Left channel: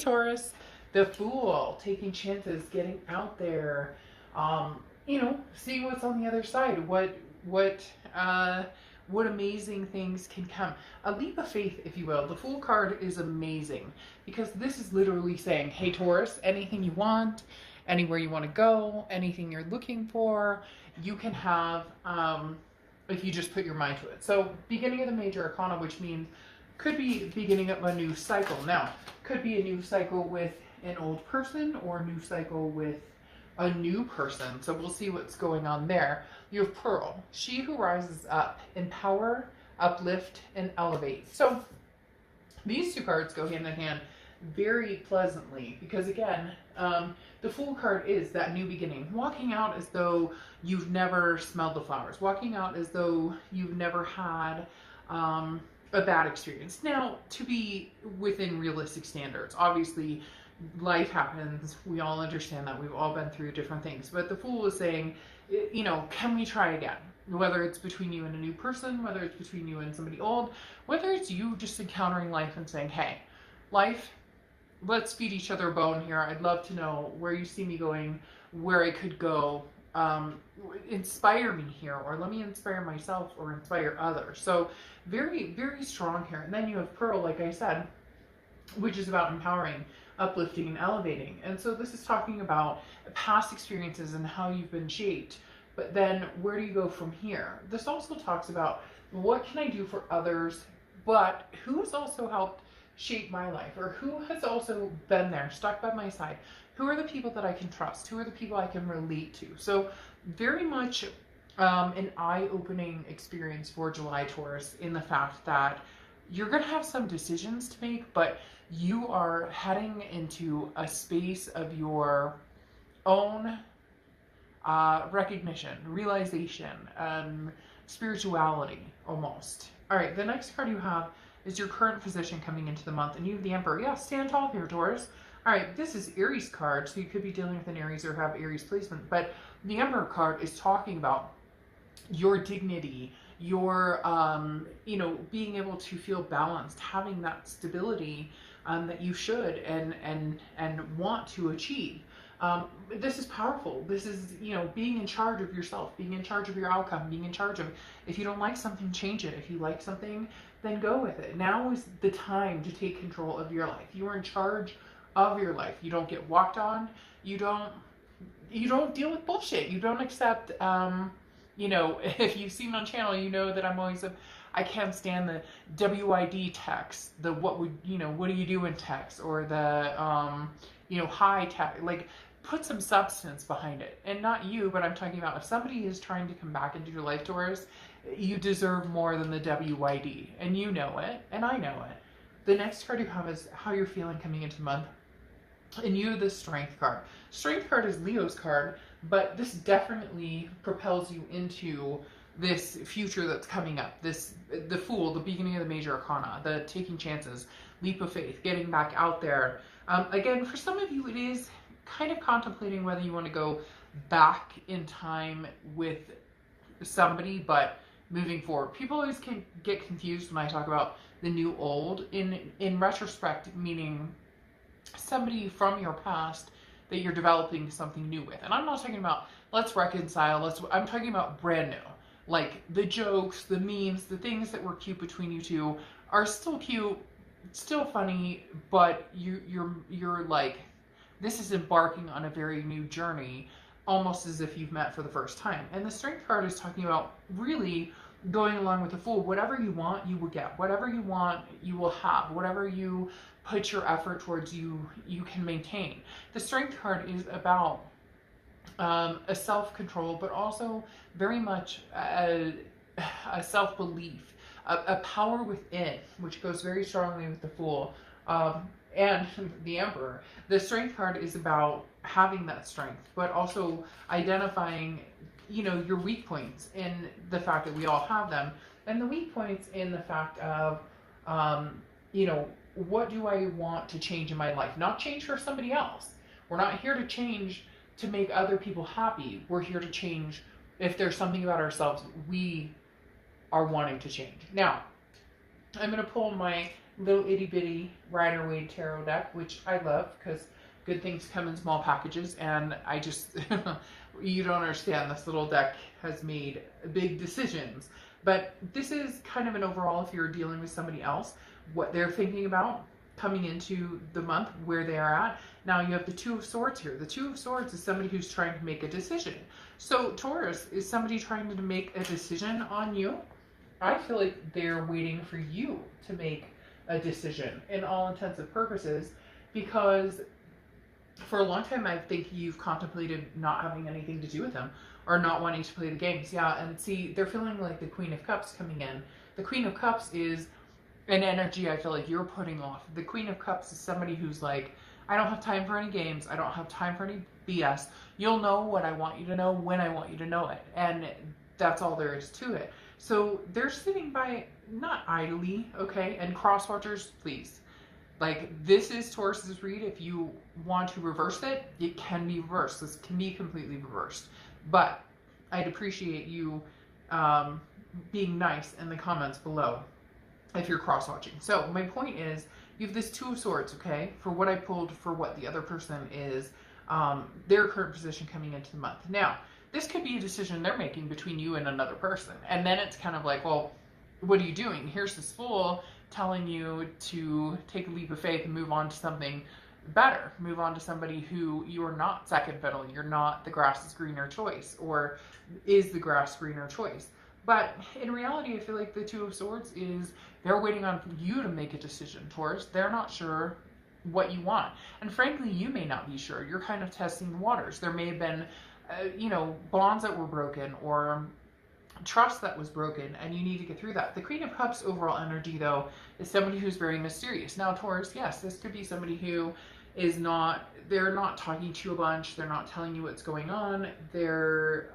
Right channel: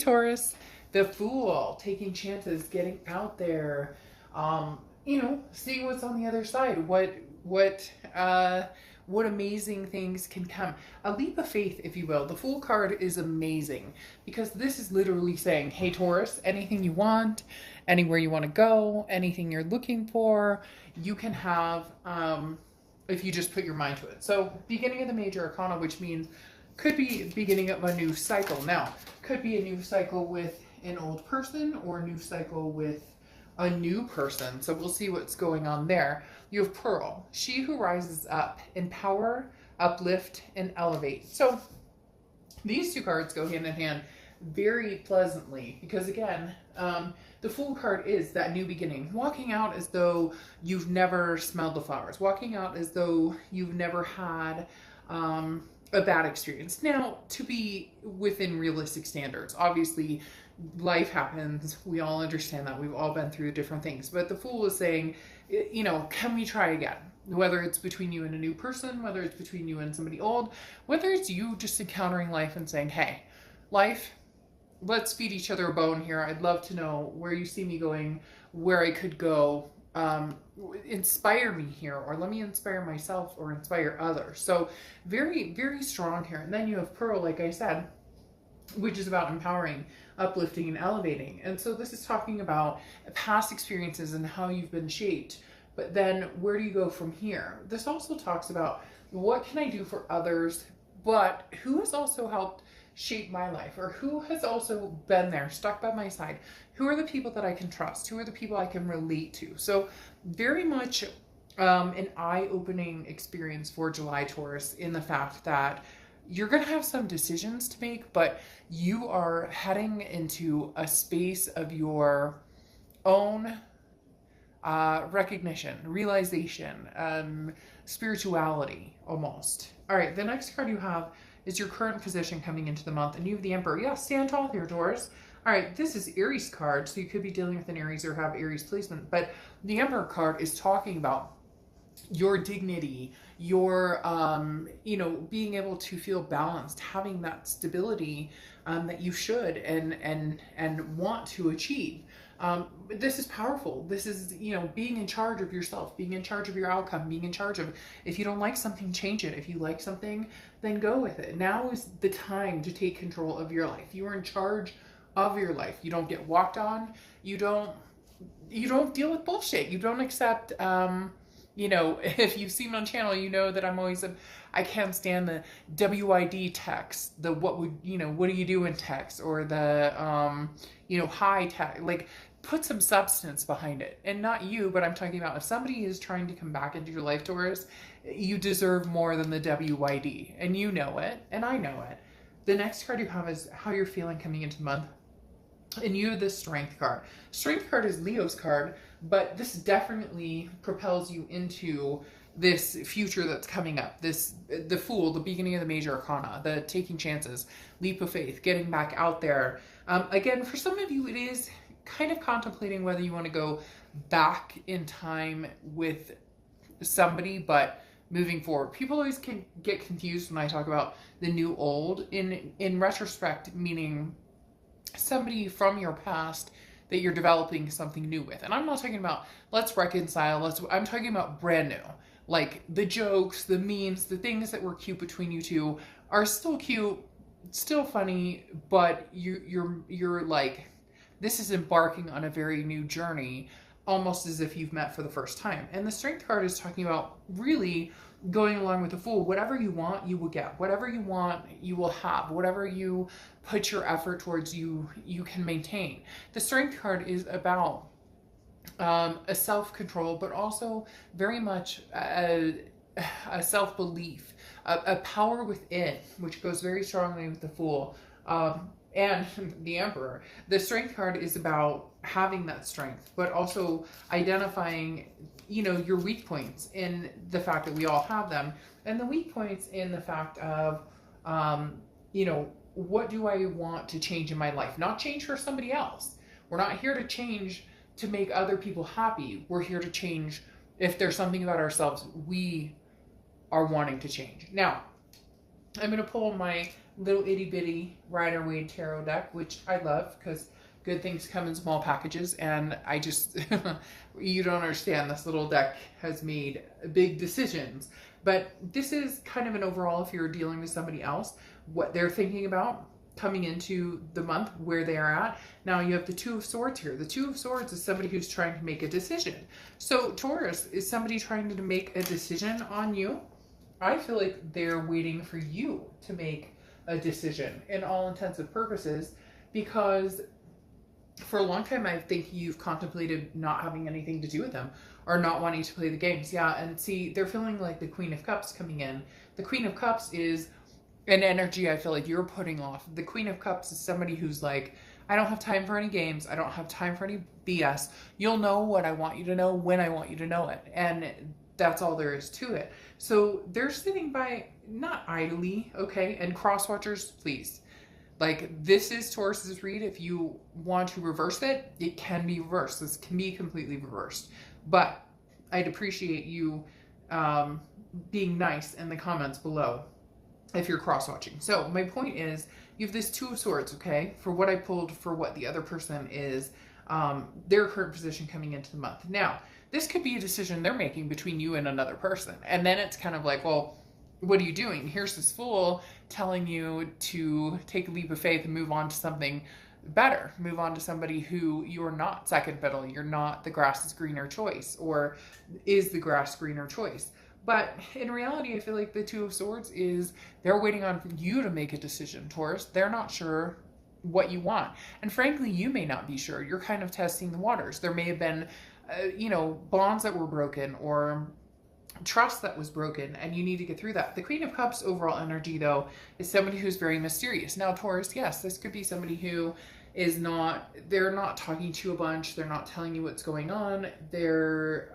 Taurus, the Fool, taking chances, getting out there, you know, seeing what's on the other side. What amazing things can come. A leap of faith, if you will. The Fool card is amazing because this is literally saying, hey Taurus, anything you want, anywhere you want to go, anything you're looking for, you can have, if you just put your mind to it. So beginning of the major arcana, which means could be beginning of a new cycle. Now, could be a new cycle with an old person or a new cycle with a new person. So we'll see what's going on there. You have Pearl, she who rises up, empower, uplift, and elevate. So these two cards go hand in hand very pleasantly because again, the Fool card is that new beginning, walking out as though you've never smelled the flowers, walking out as though you've never had a bad experience. Now, to be within realistic standards, obviously life happens. We all understand that. We've all been through different things. But the Fool is saying, you know, can we try again? Whether it's between you and a new person, whether it's between you and somebody old, whether it's you just encountering life and saying, hey, life, let's feed each other a bone here. I'd love to know where you see me going, where I could go. Inspire me here, or let me inspire myself or inspire others. So very, very strong here. And then you have Pearl, like I said, which is about empowering, uplifting, and elevating. And so this is talking about past experiences and how you've been shaped. But then where do you go from here? This also talks about what can I do for others, but who has also helped shape my life, or who has also been there, stuck by my side? Who are the people that I can trust? Who are the people I can relate to? So very much an eye-opening experience for July, Taurus, in the fact that you're going to have some decisions to make, but you are heading into a space of your own recognition, realization, spirituality, almost. All right, the next card you have is your current position coming into the month, and you have the Emperor. Yeah, stand tall here, Taurus. All right, this is Aries card, so you could be dealing with an Aries or have Aries placement, but the Emperor card is talking about your dignity, your, you know, being able to feel balanced, having that stability that you should and want to achieve. But this is powerful. This is, you know, being in charge of yourself, being in charge of your outcome, being in charge of, if you don't like something, change it. If you like something, then go with it. Now is the time to take control of your life. You are in charge of your life. You don't get walked on. You don't deal with bullshit. You don't accept, you know, if you've seen me on channel, you know that I'm always I can't stand the WID text, the what would, you know, what do you do in text, or the, you know, high text. Like, put some substance behind it. And not you, but I'm talking about if somebody is trying to come back into your life, Taurus, you deserve more than the WID. And you know it, and I know it. The next card you have is how you're feeling coming into the month. And you have the Strength card. Strength card is Leo's card, but this definitely propels you into this future that's coming up. This, the Fool, the beginning of the major arcana, the taking chances, leap of faith, getting back out there. Again, for some of you, it is kind of contemplating whether you want to go back in time with somebody, but moving forward. People always can get confused when I talk about the new old. In retrospect, meaning somebody from your past that you're developing something new with. And I'm not talking about let's reconcile, I'm talking about brand new. Like the jokes, the memes, the things that were cute between you two are still cute, still funny, but you're like, this is embarking on a very new journey, almost as if you've met for the first time. And the Strength card is talking about really going along with the Fool. Whatever you want, you will get. Whatever you want, you will have. Whatever you put your effort towards, you can maintain. The Strength card is about a self-control, but also very much a self-belief, a power within, which goes very strongly with the Fool and the Emperor. The Strength card is about having that strength, but also identifying, you know, your weak points in the fact that we all have them, and the weak points in the fact of, you know, what do I want to change in my life? Not change for somebody else. We're not here to change to make other people happy. We're here to change if there's something about ourselves we are wanting to change. Now, I'm going to pull my little itty bitty Rider-Waite tarot deck, which I love because good things come in small packages. And I just, you don't understand, this little deck has made big decisions. But this is kind of an overall, if you're dealing with somebody else, what they're thinking about coming into the month, where they are at. Now you have the Two of Swords here. The Two of Swords is somebody who's trying to make a decision. So Taurus, is somebody trying to make a decision on you? I feel like they're waiting for you to make a decision in all intents and purposes, because for a long time I think you've contemplated not having anything to do with them or not wanting to play the games. Yeah, and see, they're feeling like the Queen of Cups coming in. The Queen of Cups is an energy I feel like you're putting off. The Queen of Cups is somebody who's like, I don't have time for any games. I don't have time for any BS. You'll know what I want you to know when I want you to know it. And that's all there is to it. So they're sitting by, not idly, okay? And cross watchers, please. Like, this is Taurus's read. If you want to reverse it, it can be reversed. This can be completely reversed. But I'd appreciate you being nice in the comments below if you're cross-watching. So my point is, you have this Two of Swords, okay? For what I pulled, for what the other person is, their current position coming into the month. Now, this could be a decision they're making between you and another person. And then it's kind of like, well, what are you doing? Here's this Fool telling you to take a leap of faith and move on to something better. Move on to somebody who you're not second fiddle. You're not the grass is greener choice, or is the grass greener choice. But in reality, I feel like the Two of Swords is they're waiting on you to make a decision, Taurus. They're not sure what you want. And frankly, you may not be sure. You're kind of testing the waters. There may have been, bonds that were broken, or trust that was broken, and you need to get through that. The Queen of Cups overall energy, though, is somebody who's very mysterious. Now, Taurus, yes, this could be somebody who is not, they're not talking to you a bunch. They're not telling you what's going on. They're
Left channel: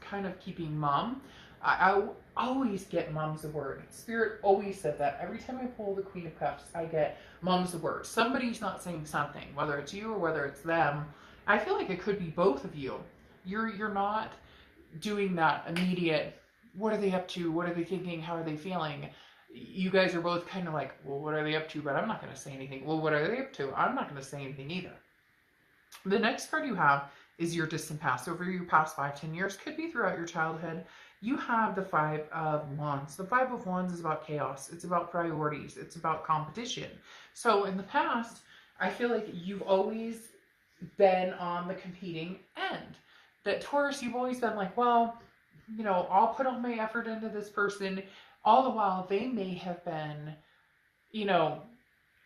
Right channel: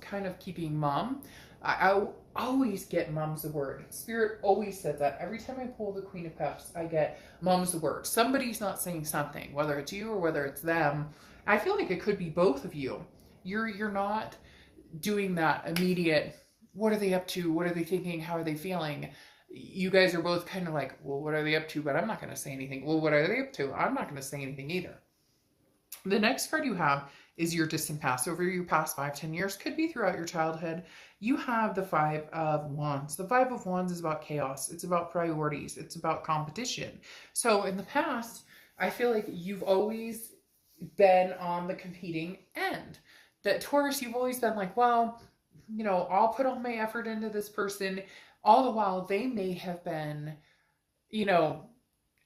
kind of keeping mum. I always get mum's the word. Spirit always said that. Every time I pull the Queen of Cups, I get mum's the word. Somebody's not saying something, whether it's you or whether it's them. I feel like it could be both of you. You're not doing that immediate, what are they up to? What are they thinking? How are they feeling? You guys are both kind of like, well, what are they up to? But I'm not going to say anything. Well, what are they up to? I'm not going to say anything either. The next card you have is your distant past. Over your past 5-10 years, could be throughout your childhood. You have the Five of Wands. The Five of Wands is about chaos. It's about priorities. It's about competition. So in the past, I feel like you've always been on the competing end. That Taurus, you've always been like, well, I'll put all my effort into this person. All the while, they may have been,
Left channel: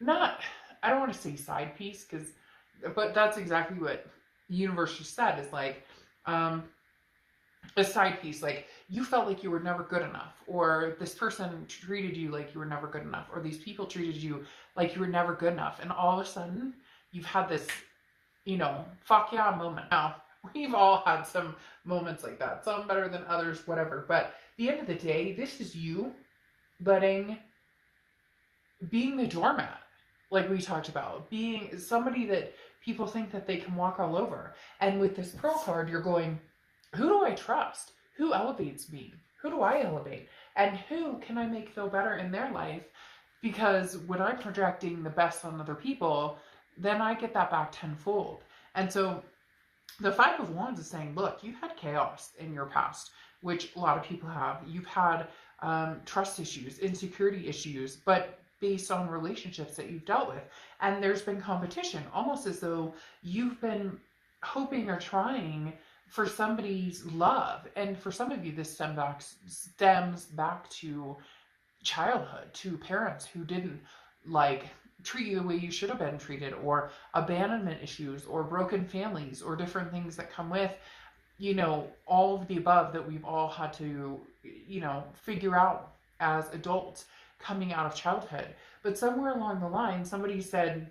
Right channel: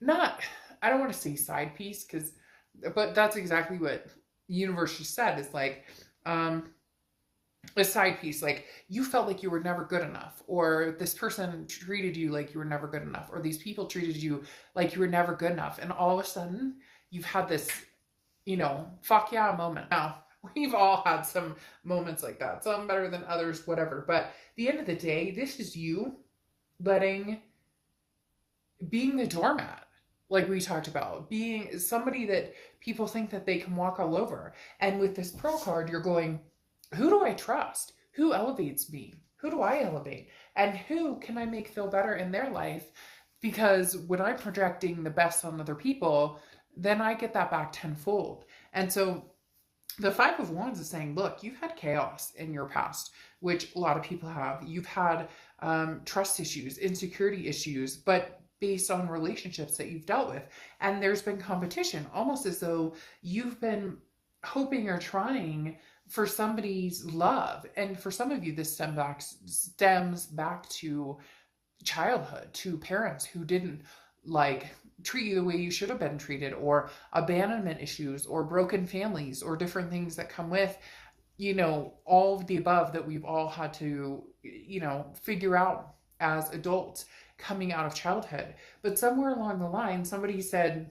not, I don't want to say side piece, but that's exactly what the universe just said, is like, a side piece. Like, you felt like you were never good enough, or this person treated you like you were never good enough, or these people treated you like you were never good enough. And all of a sudden, you've had this, fuck yeah moment. Now, we've all had some moments like that. Some better than others, whatever. But at the end of the day, this is you being the doormat, like we talked about, being somebody that people think that they can walk all over. And with this Pearl card, you're going, who do I trust? Who elevates me? Who do I elevate? And who can I make feel better in their life? Because when I'm projecting the best on other people, then I get that back tenfold. And so the Five of Wands is saying, look, you've had chaos in your past, which a lot of people have. You've had trust issues, insecurity issues, but based on relationships that you've dealt with. And there's been competition, almost as though you've been hoping or trying for somebody's love. And for some of you, this stems back to childhood, to parents who didn't treat you the way you should have been treated, or abandonment issues, or broken families, or different things that come with, all of the above that we've all had to, figure out as adults coming out of childhood. But somewhere along the line, somebody said,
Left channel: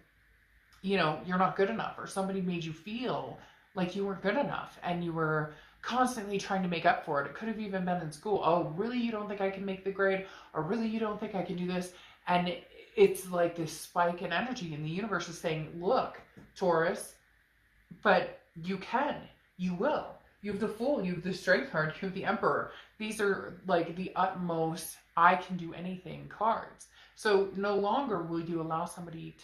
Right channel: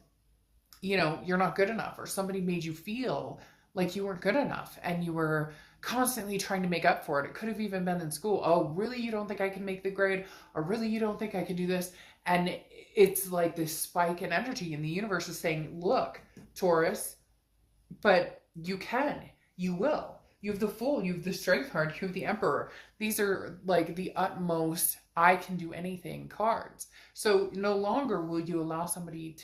you're not good enough, or somebody made you feel like you weren't good enough, and you were constantly trying to make up for it. It could have even been in school. Oh, really? You don't think I can make the grade? Or really, you don't think I can do this? And it's like this spike in energy, and the universe is saying, look, Taurus, but you can, you will. You have the Fool, you have the Strength card, you have the Emperor. These are like the utmost I can do anything cards. So no longer will you allow somebody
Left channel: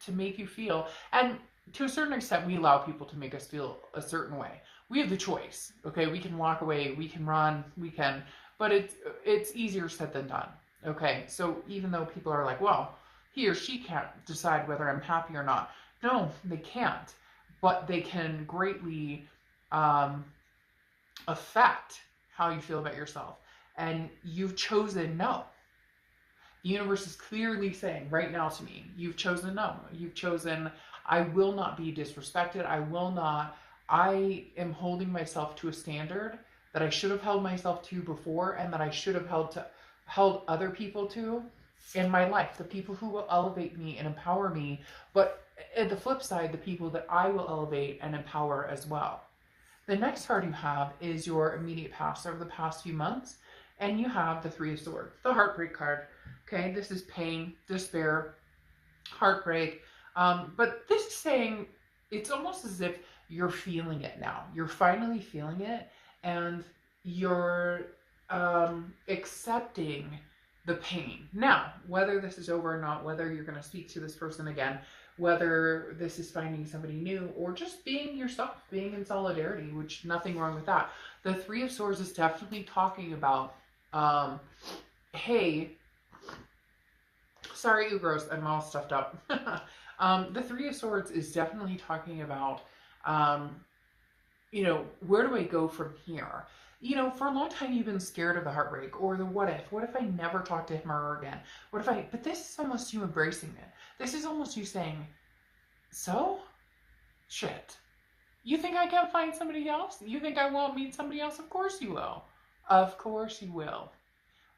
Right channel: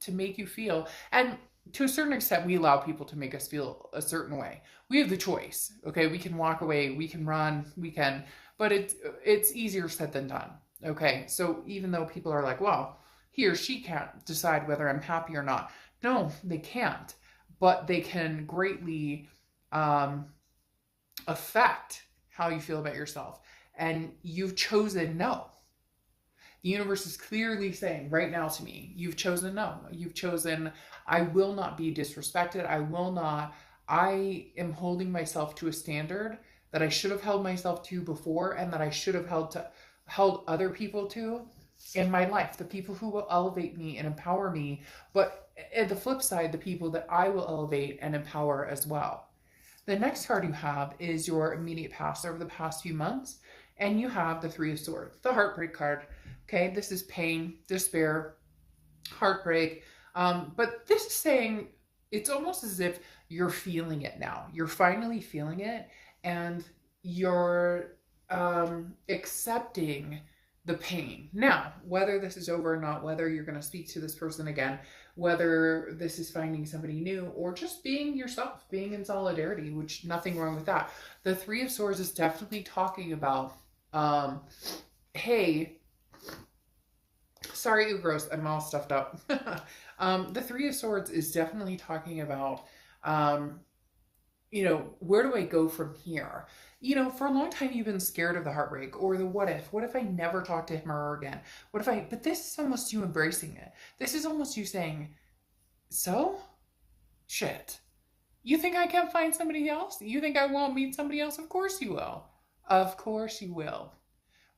to make you feel, and to a certain extent, we allow people to make us feel a certain way. We have the choice. Okay, we can walk away, we can run, we can, but it's easier said than done. Okay, so even though people are like, well, he or she can't decide whether I'm happy or not. No, they can't, but they can greatly affect how you feel about yourself. And you've chosen no. The universe is clearly saying right now to me, you've chosen no. You've chosen, I will not be disrespected. I am holding myself to a standard that I should have held myself to before, and that I should have held other people to in my life. The people who will elevate me and empower me, but at the flip side, the people that I will elevate and empower as well. The next card you have is your immediate past over the past few months, and you have the Three of Swords, the heartbreak card. Okay, this is pain, despair, heartbreak, but this is saying it's almost as if you're feeling it now. You're finally feeling it, and you're accepting the pain. Now, whether this is over or not, whether you're going to speak to this person again, whether this is finding somebody new, or just being yourself, being in solidarity, which nothing wrong with that. The Three of Swords is definitely talking about, hey, sorry, gross, I'm all stuffed up. The Three of Swords is definitely talking about, you know, where do I go from here? You know, for a long time you've been scared of the heartbreak or the what if. What if I never talk to him or her again? What if I, but this is almost you embracing it. This is almost you saying, so? Shit. You think I can't find somebody else? You think I won't meet somebody else? Of course you will. Of course you will.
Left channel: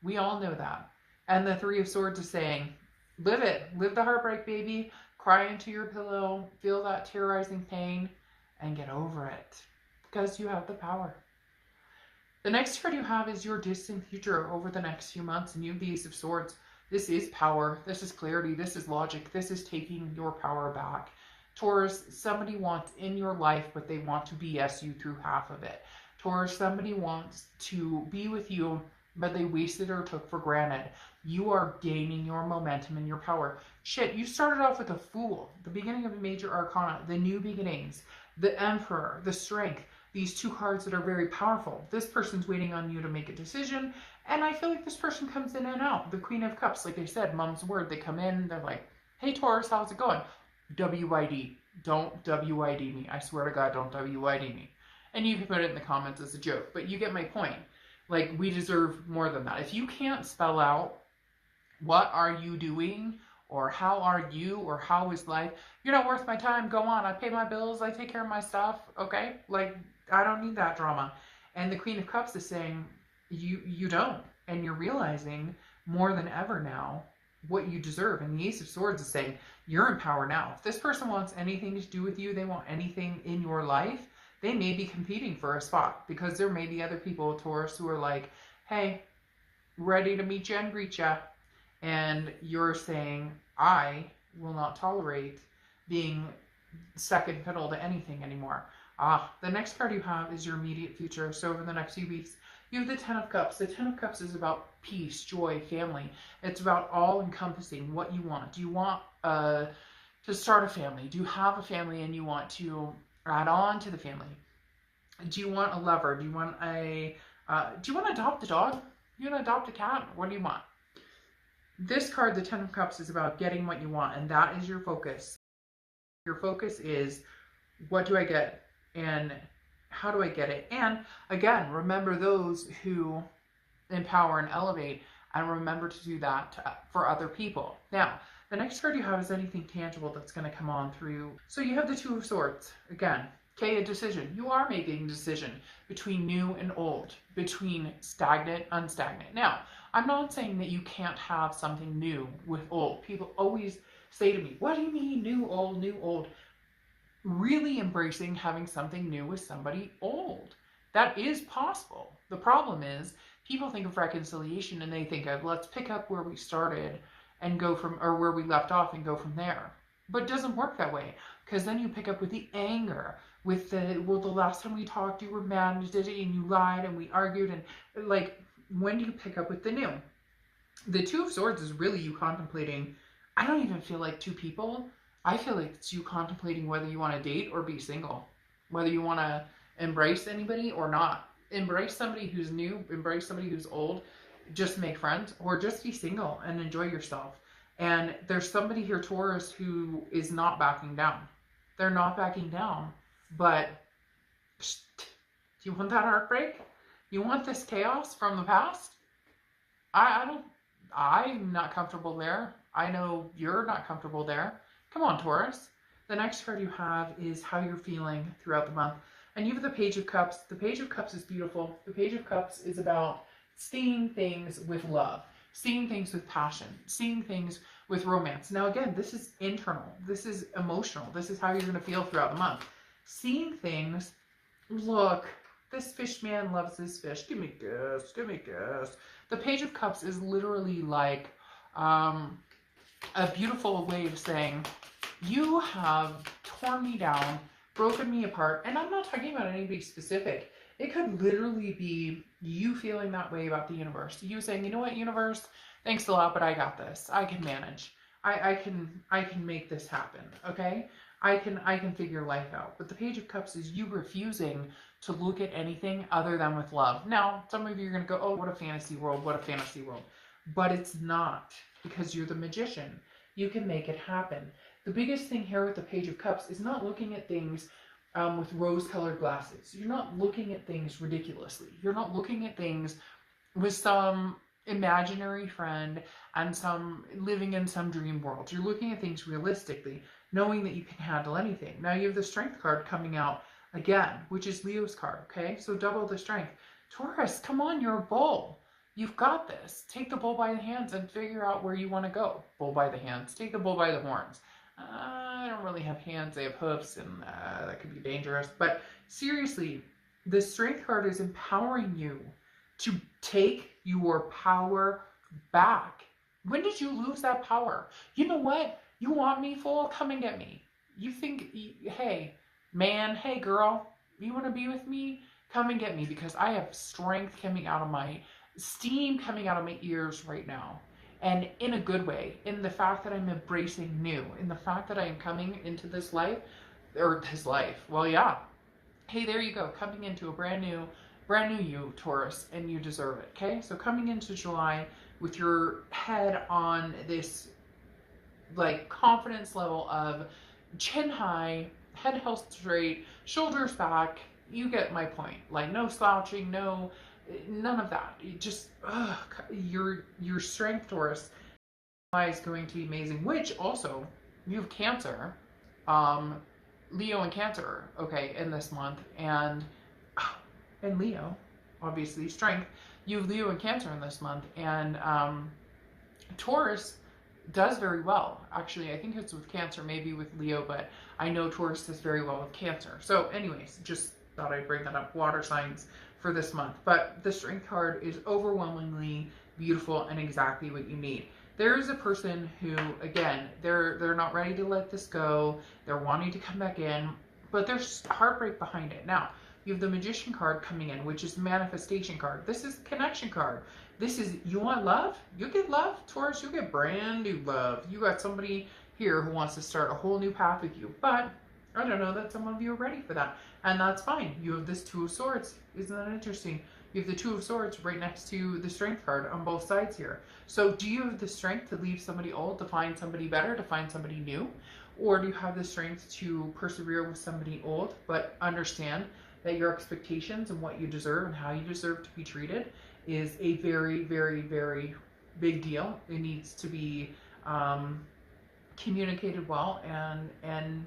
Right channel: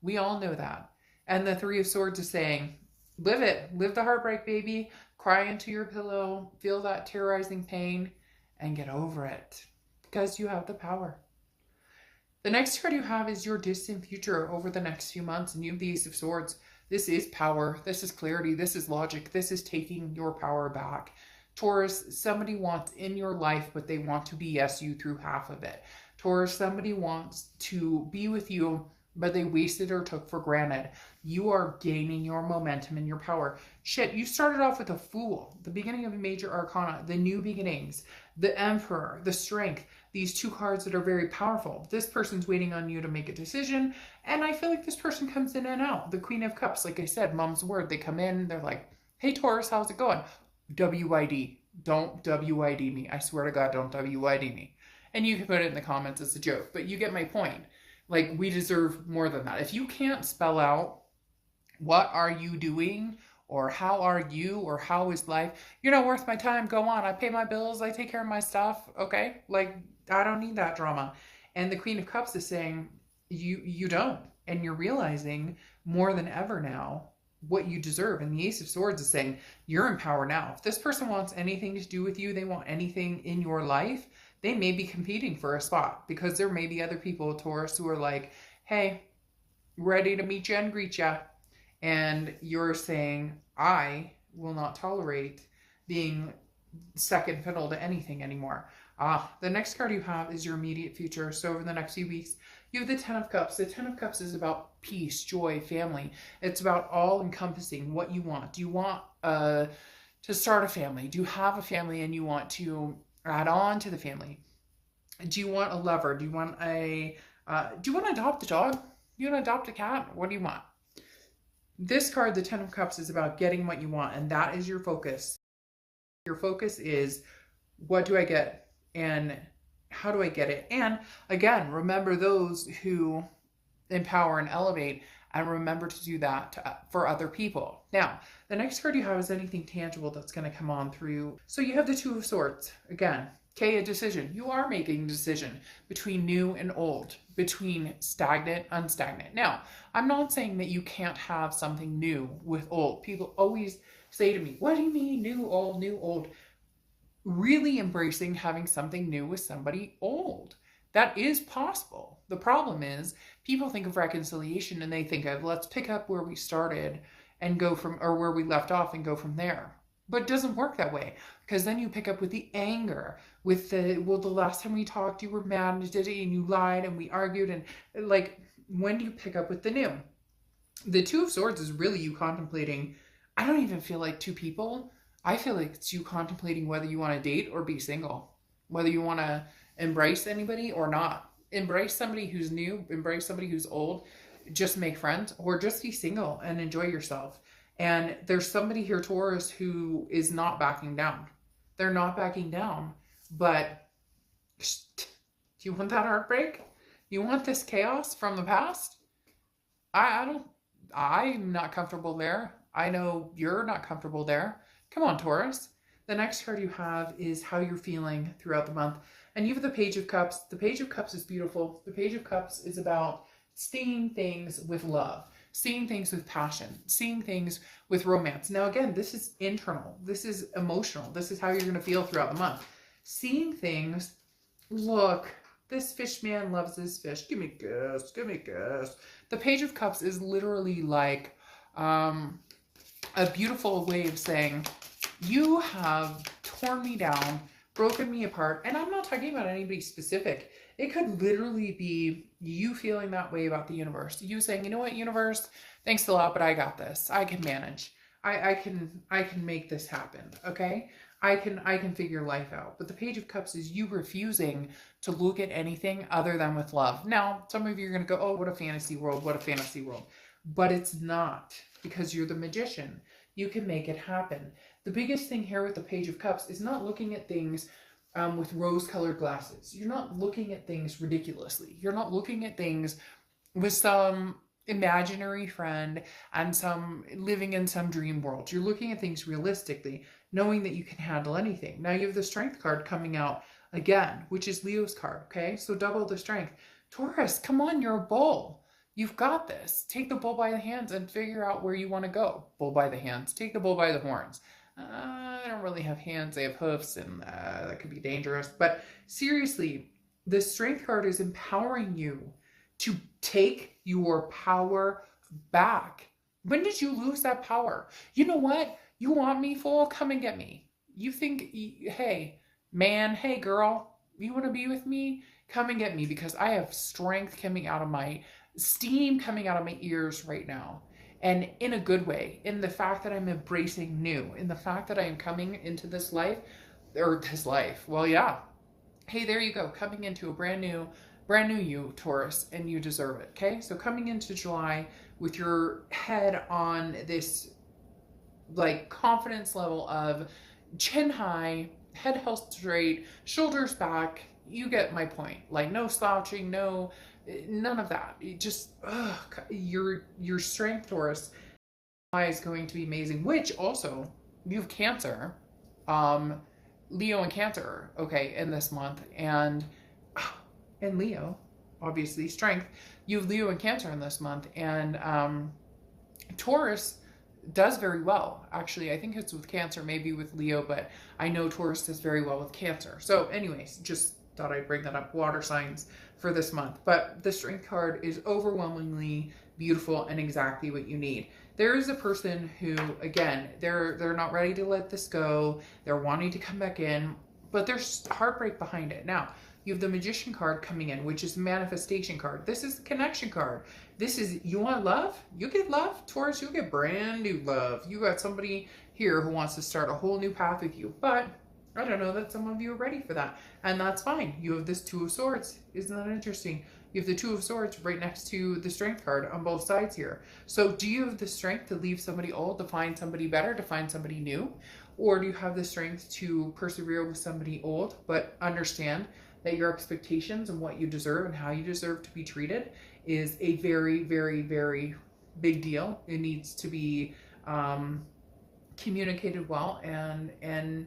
We all know that. And the Three of Swords is saying, live it. Live the heartbreak, baby. Cry into your pillow. Feel that terrorizing pain and get over it. Because you have the power. The next card you have is your distant future over the next few months, and you have the Ace of Swords. This is power. This is clarity. This is logic. This is taking your power back. Taurus, somebody wants in your life, but they want to BS you through half of it. Taurus, somebody wants to be with you, but they wasted or took for granted. You are gaining your momentum and your power. Shit, you started off with a Fool, the beginning of a major arcana, the new beginnings, the Emperor, the Strength. These two cards that are very powerful. This person's waiting on you to make a decision, and I feel like this person comes in and out. The Queen of Cups, like I said, mom's word. They come in, they're like, hey Taurus, how's it going? WID. Don't WID me. I swear to God, don't WID me. And you can put it in the comments as a joke, but you get my point. Like, we deserve more than that. If you can't spell out what are you doing, or how are you, or how is life, you're not worth my time. Go on. I pay my bills. I take care of my stuff. Okay? Like, I don't need that drama. And the Queen of Cups is saying, you don't. And you're realizing more than ever now what you deserve. And the Ace of Swords is saying, you're in power now. If this person wants anything to do with you, they want anything in your life, they may be competing for a spot, because there may be other people, Taurus, who are like, hey, ready to meet you and greet you. And you're saying, I will not tolerate being second fiddle to anything anymore. The next card you have is your immediate future. So over the next few weeks, you have the Ten of Cups. The Ten of Cups is about peace, joy, family. It's about all encompassing what you want. Do you want to start a family? Do you have a family and you want to add on to the family? Do you want a lover? Do you want to adopt a dog? Do you want to adopt a cat? What do you want? This card, the Ten of Cups, is about getting what you want, and that is your focus. Your focus is, what do I get? And how do I get it? And again, remember those who empower and elevate, and remember to do that for other people. Now, the next card you have is anything tangible that's going to come on through. So you have the Two of Swords. Again, okay, a decision. You are making a decision between new and old, between stagnant, unstagnant. Now, I'm not saying that you can't have something new with old. People always say to me, what do you mean new, old, new, old? Really embracing having something new with somebody old. That is possible. The problem is people think of reconciliation and they think of, let's pick up where we started and go from, or where we left off and go from there. But it doesn't work that way, because then you pick up with the anger, with the, well, the last time we talked, you were mad and you lied and we argued, and like, when do you pick up with the new? The Two of Swords is really you contemplating. I don't even feel like two people. I feel like it's you contemplating whether you want to date or be single, whether you want to embrace anybody or not. Embrace somebody who's new, embrace somebody who's old, just make friends, or just be single and enjoy yourself. And there's somebody here, Taurus, who is not backing down. They're not backing down. But do you want that heartbreak? You want this chaos from the past? I'm not comfortable there. I know you're not comfortable there. Come on, Taurus. The next card you have is how you're feeling throughout the month. And you have the Page of Cups. The Page of Cups is beautiful. The Page of Cups is about seeing things with love, seeing things with passion, seeing things with romance. Now, again, this is internal. This is emotional. This is how you're going to feel throughout the month. Seeing things, look, this fish man loves this fish. Give me a kiss. Give me a kiss. The Page of Cups is literally like a beautiful way of saying, you have torn me down, broken me apart. And I'm not talking about anybody specific. It could literally be you feeling that way about the universe. You saying, you know what, universe, thanks a lot, but I got this. I can manage. I can make this happen. Okay. I can figure life out. But the Page of Cups is you refusing to look at anything other than with love. Now, some of you are going to go, oh, what a fantasy world, what a fantasy world. But it's not, because you're the magician. You can make it happen. The biggest thing here with the Page of Cups is not looking at things with rose-colored glasses. You're not looking at things ridiculously. You're not looking at things with some imaginary friend and some living in some dream world. You're looking at things realistically, knowing that you can handle anything. Now you have the Strength card coming out again, which is Leo's card, okay? So double the strength. Taurus, come on, you're a bull. You've got this. Take the bull by the hands and figure out where you want to go. Bull by the hands. Take the bull by the horns. I don't really have hands, I have hoofs, and that could be dangerous. But seriously, the Strength card is empowering you to take your power back. When did you lose that power? You know what? You want me, fool? Come and get me. You think, hey, man, hey, girl, you want to be with me? Come and get me, because I have strength coming out of my, steam coming out of my ears right now. And in a good way, in the fact that I'm embracing new, in the fact that I am coming into this life, or this life, well, yeah. Hey, there you go, coming into a brand new you, Taurus, and you deserve it, okay? So coming into July with your head on this, like, confidence level of chin high, head held straight, shoulders back, you get my point. Like, no slouching, none of that. You just, your strength, Taurus, is going to be amazing. Which also, you have Cancer, Leo and Cancer, okay, in this month, and Leo, obviously, strength. You have Leo and Cancer in this month, and Taurus does very well. Actually, I think it's with Cancer, maybe with Leo, but I know Taurus does very well with Cancer. So, anyways, just thought I'd bring that up. Water signs for this month. But the Strength card is overwhelmingly beautiful and exactly what you need. There is a person who, again, they're not ready to let this go. They're wanting to come back in, but there's heartbreak behind it. Now, you have the Magician card coming in, which is manifestation card. This is connection card. This is, you want love? You get love, Taurus. You get brand new love. You got somebody here who wants to start a whole new path with you, but I don't know that some of you are ready for that, and that's fine. You have this Two of Swords. Isn't that interesting? You have the Two of Swords right next to the Strength card on both sides here. So do you have the strength to leave somebody old, to find somebody better, to find somebody new? Or do you have the strength to persevere with somebody old, but understand that your expectations and what you deserve and how you deserve to be treated is a very, very, very big deal. It needs to be communicated well and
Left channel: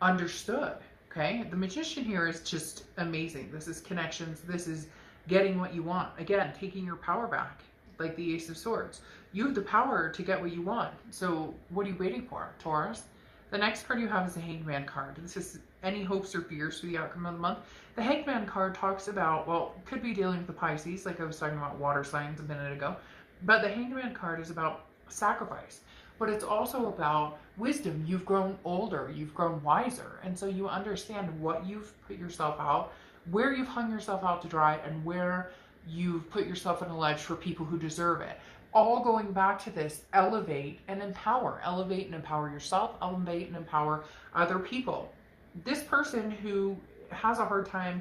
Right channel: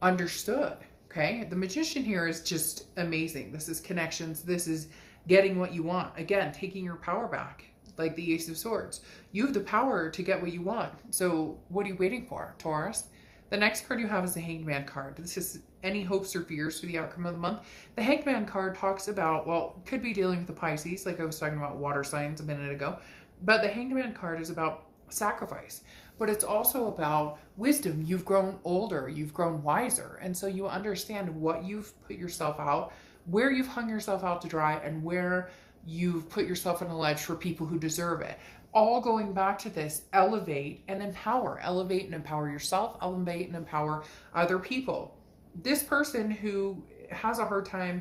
understood. Okay, the Magician here is just amazing. This is connections. This is getting what you want. Again, taking your power back, like the Ace of Swords. You have the power to get what you want. So what are you waiting for, Taurus? The next card you have is the Hanged Man card. This is any hopes or fears for the outcome of the month. The Hanged Man card talks about, well, could be dealing with the Pisces, like I was talking about water signs a minute ago. But the Hanged Man card is about sacrifice. But it's also about wisdom. You've grown older, you've grown wiser, and so you understand what you've put yourself out, where you've hung yourself out to dry, and where you've put yourself in a ledge for people who deserve it. all going back to this: elevate and empower. Elevate and empower yourself, elevate and empower other people. This person who has a hard time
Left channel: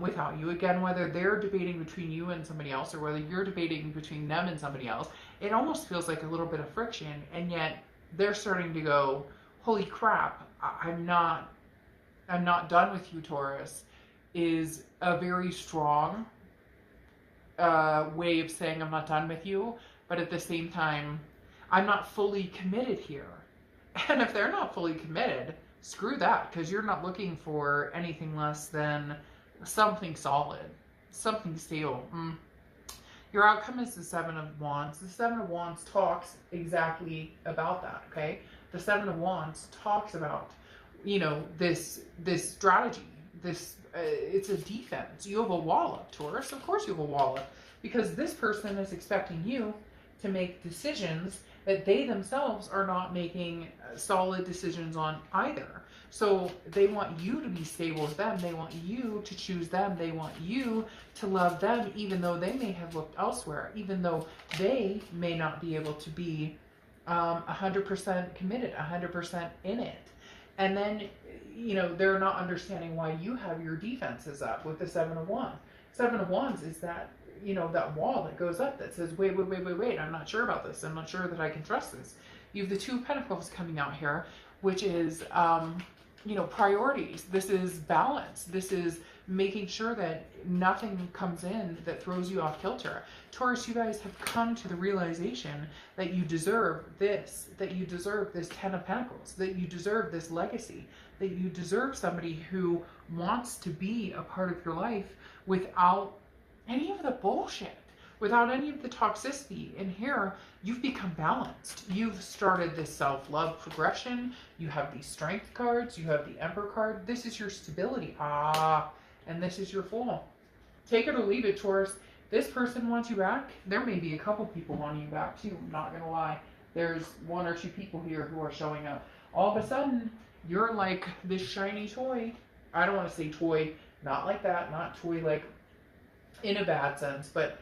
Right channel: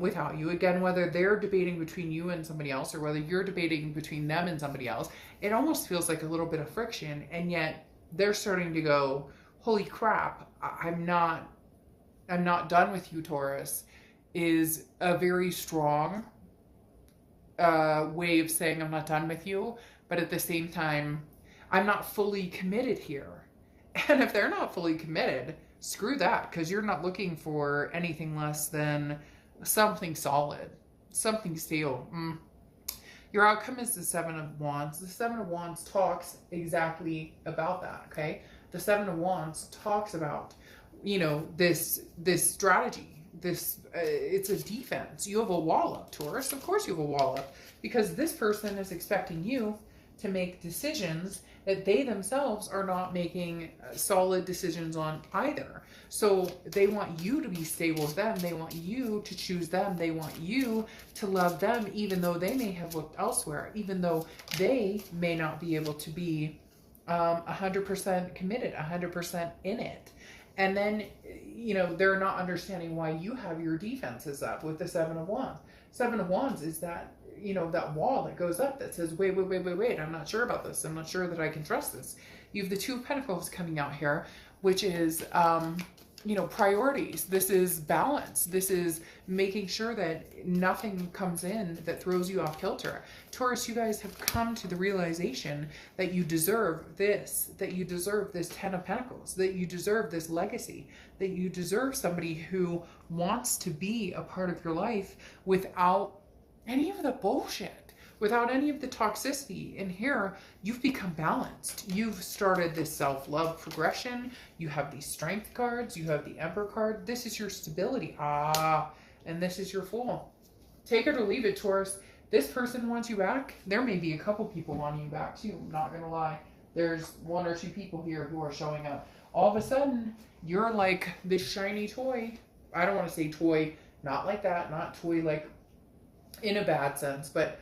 without you, again, whether they're debating between you and somebody else or whether you're debating between them and somebody else, it almost feels like a little bit of friction, and yet they're starting to go, holy crap, I'm not done with you, Taurus, is a very strong way of saying I'm not done with you, but at the same time, I'm not fully committed here. And if they're not fully committed, screw that, because you're not looking for anything less than something solid, something stable. Your outcome is the Seven of Wands. The Seven of Wands talks exactly about that, okay? The Seven of Wands talks about, you know, this strategy, this, it's a defense. You have a wall up, Taurus. Of course you have a wall up, because this person is expecting you to make decisions that they themselves are not making solid decisions on either. So they want you to be stable with them. They want you to choose them. They want you to love them, even though they may have looked elsewhere, even though they may not be able to be 100% committed, 100% in it. And then, you know, they're not understanding why you have your defenses up with the Seven of Wands. Seven of Wands is that, you know, that wall that goes up that says, wait, I'm not sure about this. I'm not sure that I can trust this. You have the Two of Pentacles coming out here, which is, you know, priorities. This is balance. This is making sure that nothing comes in that throws you off kilter. Taurus, you guys have come to the realization that you deserve this, that you deserve this Ten of Pentacles, that you deserve this legacy, that you deserve somebody who wants to be a part of your life without any of the bullshit, without any of the toxicity. And here, you've become balanced. You've started this self-love progression. You have these strength cards. You have the Emperor card. This is your stability. And this is your Fool. Take it or leave it, Taurus. This person wants you back. There may be a couple people wanting you back too. I'm not going to lie. There's one or two people here who are showing up. All of a sudden, you're like this shiny toy. I don't want to say toy, not like that, not toy like in a bad sense, but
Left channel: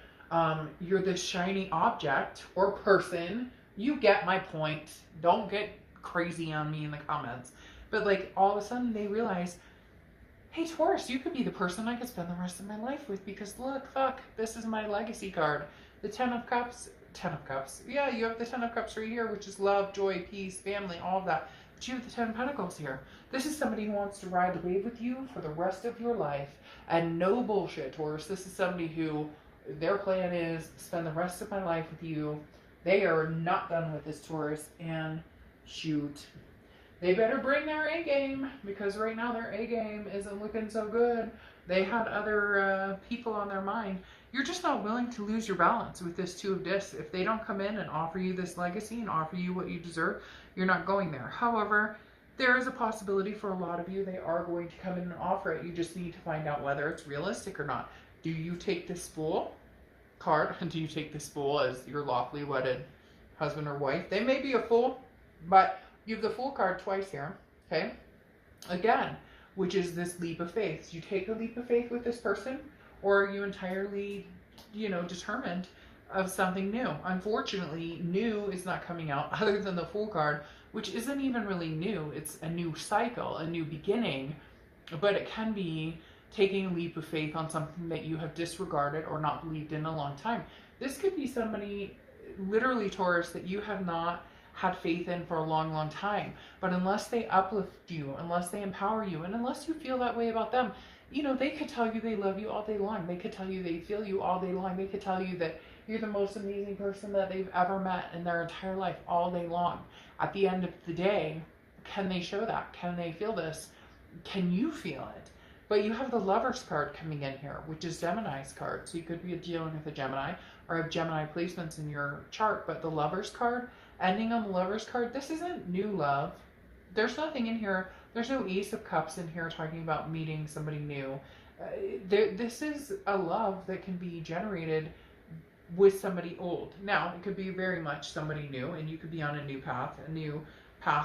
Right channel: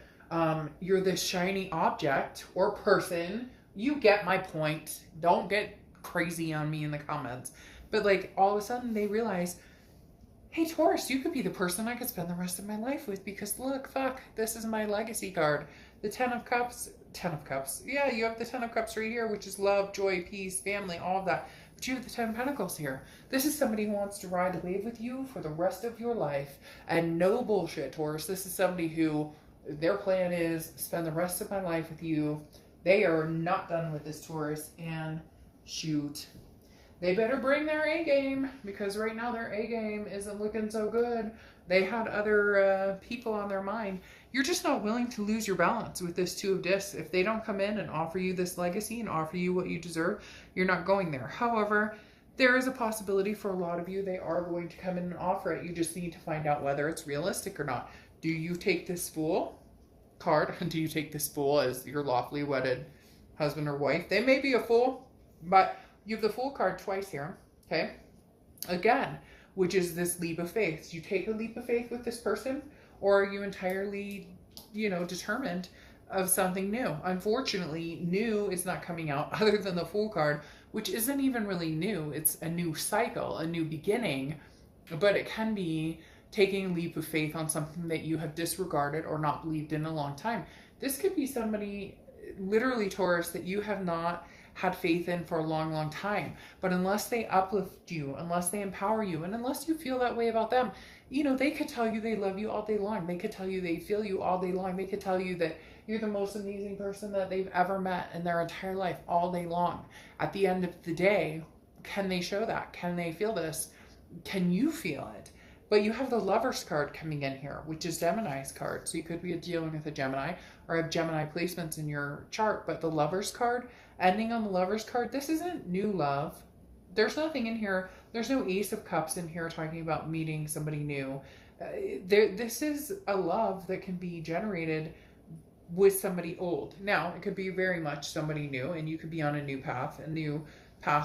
you're this shiny object or person. You get my point. Don't get crazy on me in the comments. But like all of a sudden they realize, hey Taurus, you could be the person I could spend the rest of my life with, because look, fuck, this is my legacy card. The Ten of Cups. Yeah, you have the Ten of Cups right here, which is love, joy, peace, family, all of that. But you have the Ten of Pentacles here. This is somebody who wants to ride the wave with you for the rest of your life. And no bullshit, Taurus. This is somebody who their plan is spend the rest of my life with you. They are not done with this, Taurus. And shoot, they better bring their A game, because right now their A game isn't looking so good. They had other people on their mind. You're just not willing to lose your balance with this Two of Discs. If they don't come in and offer you this legacy and offer you what you deserve, you're not going there. However, there is a possibility for a lot of you they are going to come in and offer it. You just need to find out whether it's realistic or not. Do you take this Fool card? Do you take this Fool as your lawfully wedded husband or wife? They may be a fool, but you have the Fool card twice here, okay? Again, which is this leap of faith. Do you take a leap of faith with this person, or are you entirely, you know, determined of something new? Unfortunately, new is not coming out other than the Fool card, which isn't even really new. It's a new cycle, a new beginning, but it can be taking a leap of faith on something that you have disregarded or not believed in a long time. This could be somebody, literally Taurus, that you have not had faith in for a long, long time. But unless they uplift you, unless they empower you, and unless you feel that way about them, you know, they could tell you they love you all day long. They could tell you they feel you all day long. They could tell you that you're the most amazing person that they've ever met in their entire life all day long. At the end of the day, can they show that? Can they feel this? Can you feel it? But you have the Lover's card coming in here, which is Gemini's card. So you could be dealing with a Gemini or have Gemini placements in your chart. But the Lover's card, ending on the Lover's card, this isn't new love. There's nothing in here. There's no Ace of Cups in here talking about meeting somebody new. This is a love that can be generated with somebody old. Now, it could be very much somebody new, and you could be on a new path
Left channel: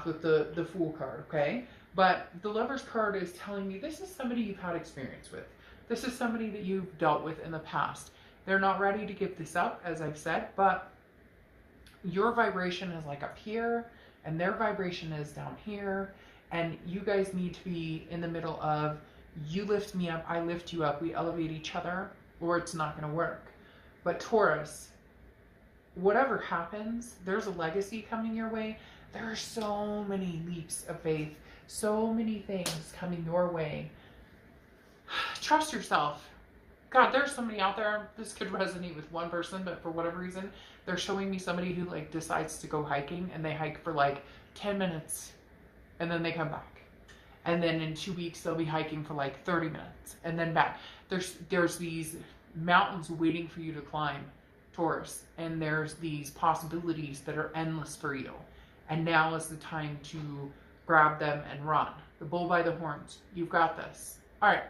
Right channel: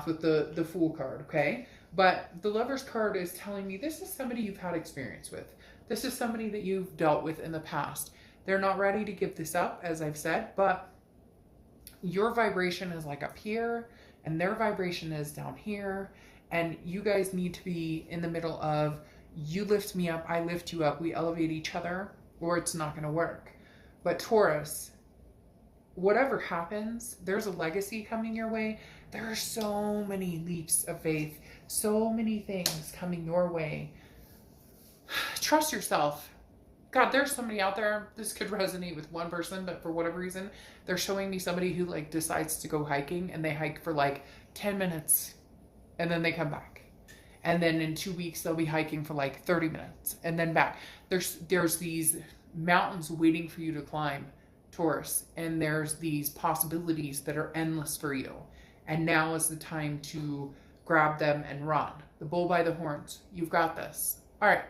with the Fool card, okay? But the Lover's card is telling me this is somebody you've had experience with. This is somebody that you've dealt with in the past. They're not ready to give this up, as I've said, but Your vibration is like up here and their vibration is down here. And you guys need to be in the middle of, you lift me up, I lift you up, we elevate each other, or it's not going to work. But Taurus, whatever happens, there's a legacy coming your way. There are so many leaps of faith, so many things coming your way. Trust yourself. God, there's somebody out there, this could resonate with one person, but for whatever reason, they're showing me somebody who like decides to go hiking, and they hike for like 10 minutes and then they come back. And then in 2 weeks, they'll be hiking for like 30 minutes and then back. There's these mountains waiting for you to climb, Taurus, and there's these possibilities that are endless for you. And now is the time to grab them and run. The bull by the horns. You've got this. All right.